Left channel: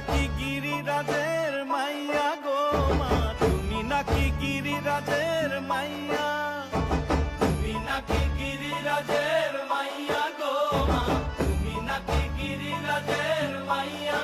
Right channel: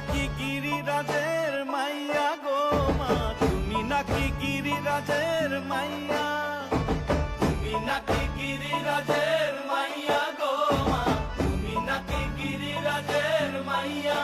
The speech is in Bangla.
নাকি গিরিরাজের মাইয়া গো মা, তুমি নাকি গিরিরাজের মাইয়া, তুমি নাকি গিরিরাজের মাইয়া গো মা, তুমি নাকি গিরিরাজের মাইয়া।